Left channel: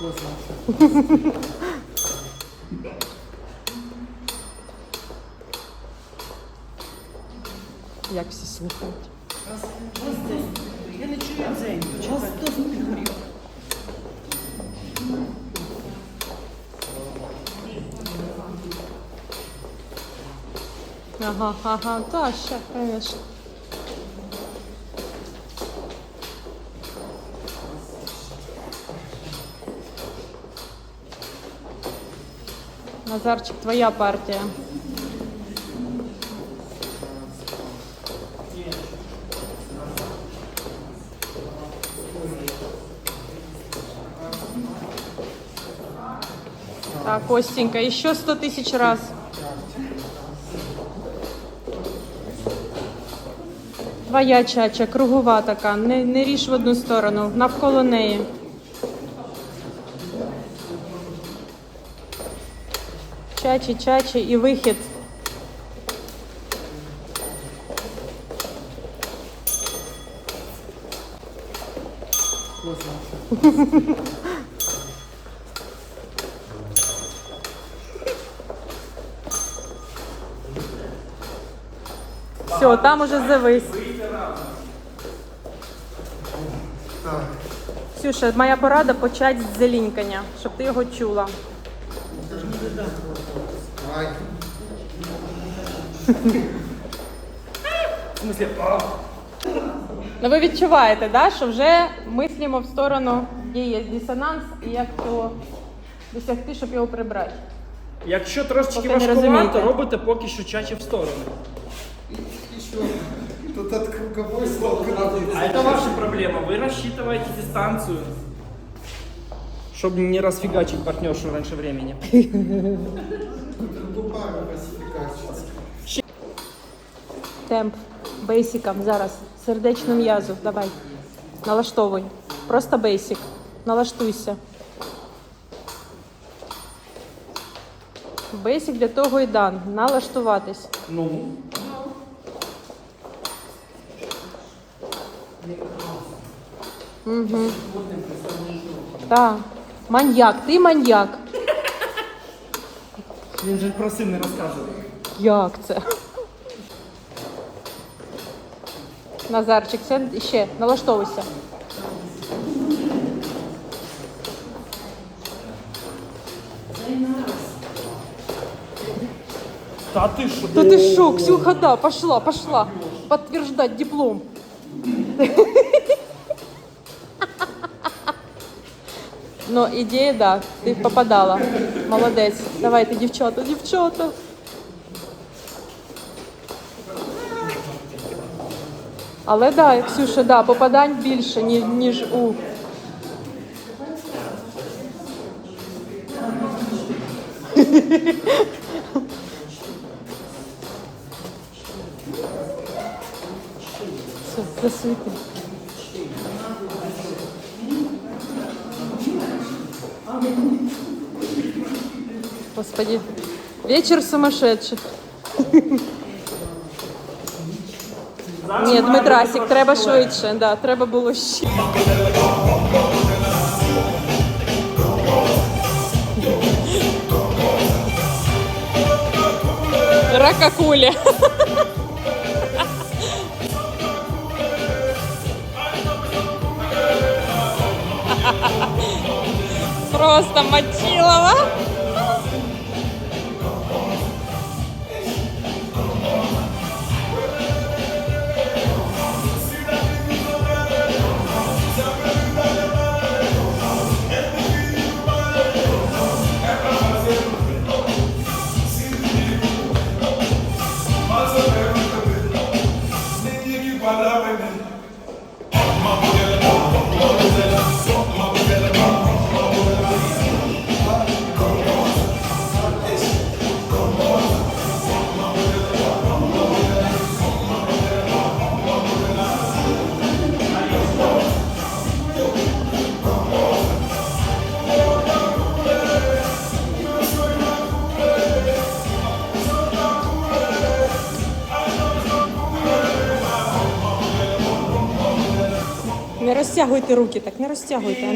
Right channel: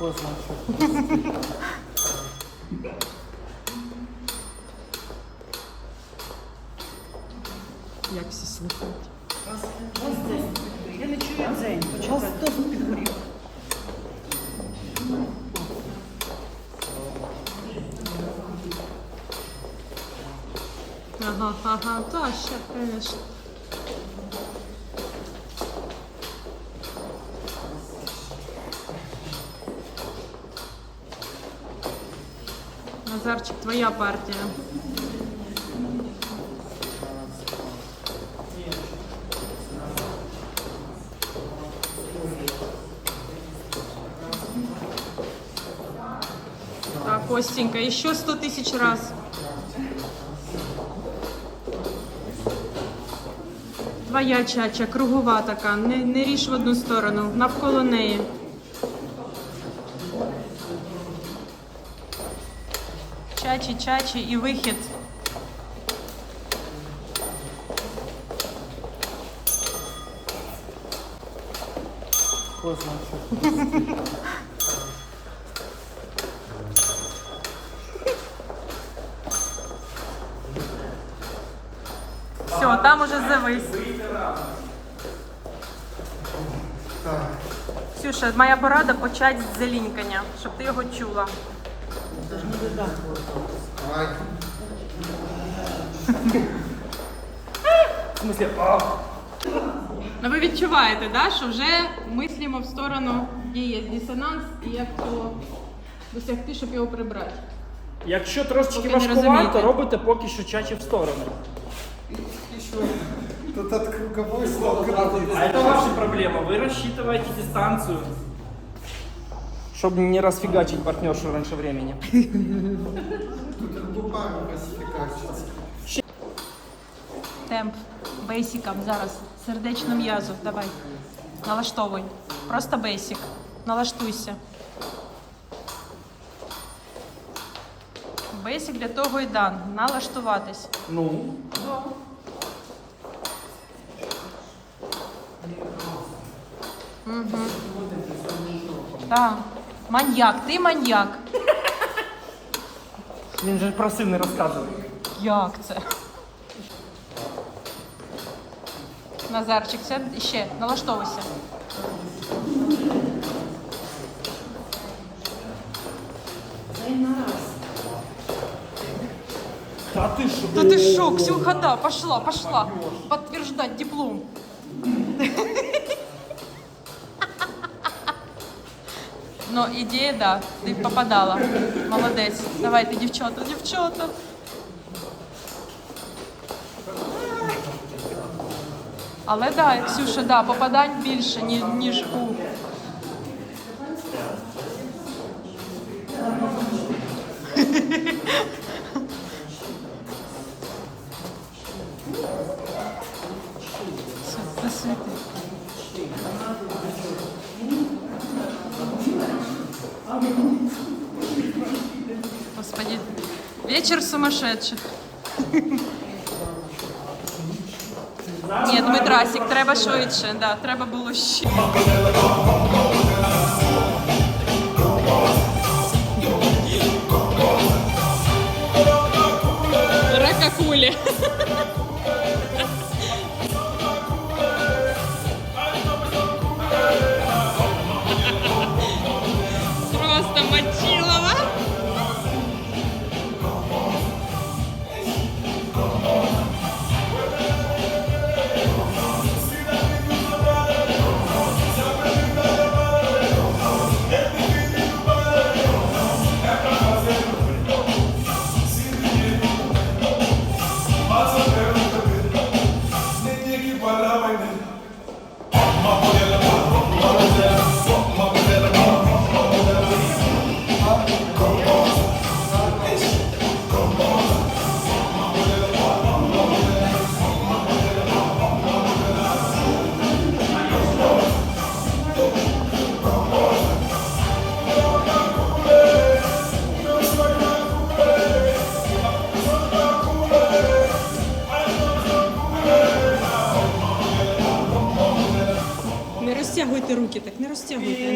Як всі слухають. Я не чую дзень. Почекай. Хто підгорів? Ага, ага, та ще, звісно. Назарчик, твоя партія. Так, Костенька, еще сто тысяч раз. Твоя чача, кругова така, не, не ріж в одну сторону, навколо неї. Чачі, чачі і вихід. Все, там уже завис. Ксюша, моя порада почати з зелінькання, щоб ти його чула. В смысле, а, Ну ви відчуваєте, да, що вже мислимо в сторону, де є дисонанс, і як цього досягти, щоб його прибрати. Якщо трошечки Поки не важкувато, розумієте. робите поки що чачі в сторону. Еще тут от круговой стал кратный. А это ваша проблема. Вы рассчитываете дистанцию. Чтобы не расфигачить партнершу раньше времени. Темп бейсиком зараз. Сердечно м'язу. Давай. Налаштовуй. Просто бейсик. Налаштуйся. Бейсик для того і дан. Налаштуватись. Ну, Так. Маньяк, ти маньяк. він же просив не розказувати. Як це? Назарчик, сядь ще, налаштовуйся. Та ти що? Да ты шо, Ксюха, да, пошла, пошла. Подтверждать диплом. Но идея, да, ты попадала. Молодець. Давайте, дівчата, дівчата. Але да, Ксюша, да, попадань більше, ні- ніж у. Засвіти. Господи, вечер сумасшедших. Ні, Дмитрасик, треба швидше, да, треба було ще. Ракакуля. Просто Мочилова. Не розтягуйте руки, так не розтягуйте.